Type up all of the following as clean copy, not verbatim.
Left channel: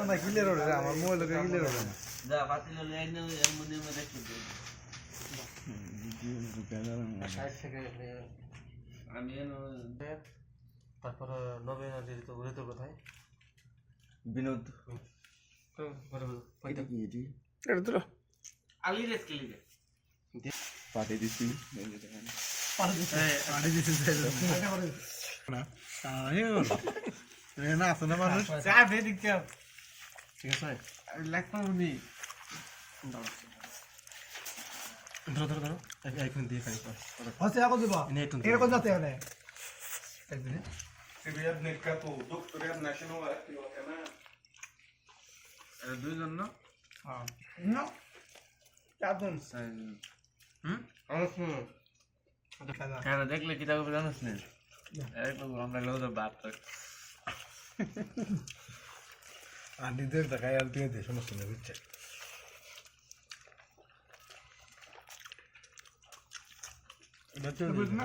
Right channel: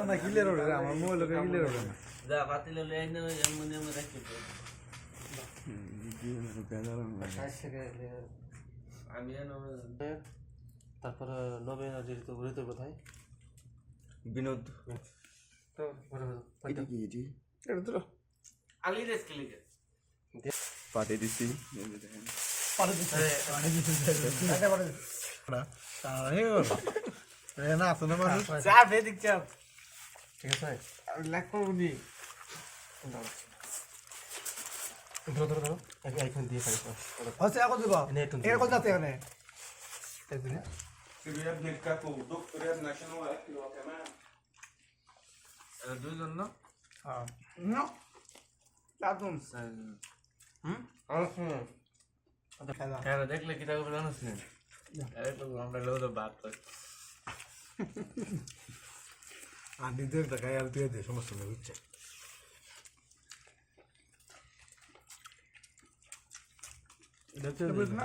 না কিলের ওরে আমার মোবাইল লোকে কিলের ওরে না যা পাতিলে লাইনে এমনি এমনি দেখি আমি তারপর নবীন তো ঘুরিতে কোথায় বিনোদ তো এটা কি এটি এটা তো আলি রেস খেলি পাতে দিছি এই যে দেখেন পানি দিতে না না আছে না মানুষ চা ভেদিক চা ঠিক আছে লাগবো নি ধরো ধরো ধরো এখন দিয়ে ফেলো হচ্ছে এখন দিব নে তুমি এর কোন যাতে এখানে Se vede nel capo dottore National Kilo Canal. দুইজন না হ্যাঁ না চারজন হ্যাঁ দেখলে কি তাকে জানাস না একটু আমরা লোক বাদ আর দিতে টাকা আর দিয়ে দে সমস্যা নেই বুঝছে এটা তো না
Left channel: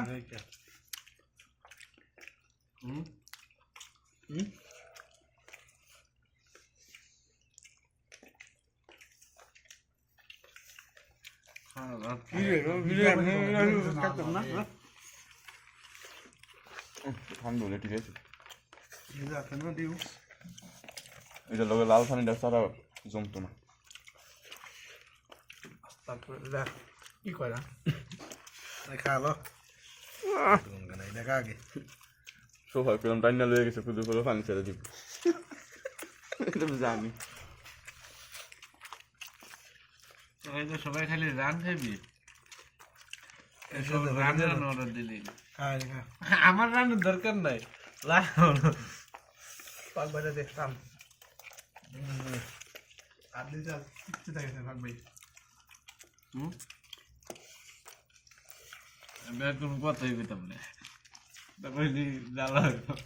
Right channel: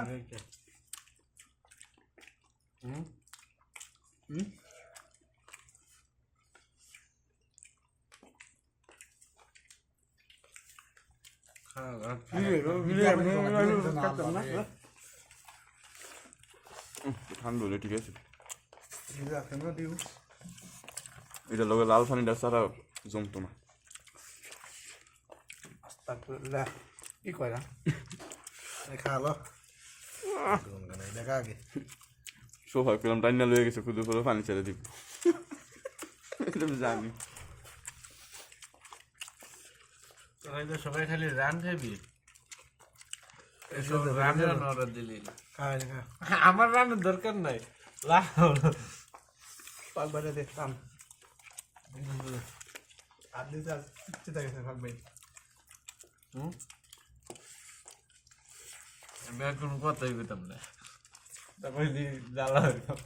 ঠান্ডা হলে ঠিক আছে কেন দিব এটা লগে লাল পানিটা সারা জমতো না তারপরে কি কইরা খালো দেখা আগে সোফা পেলাম ডাইনা লয়ে গেছে শুধু করে পানি ছেড়ে দিব এটা আমি জানি সবাই তো সবাই খালি রান খাবি শুধু রান অর্ডার দিলি হ্যাঁ আমার রান্নার দরকার নাই পাক বাজে দেখতাম আটলি চাল কিছু থাকে না ভাগ ভাই আমি এখন কথাই পেতাম না তারপরে জ্বালা হইতাম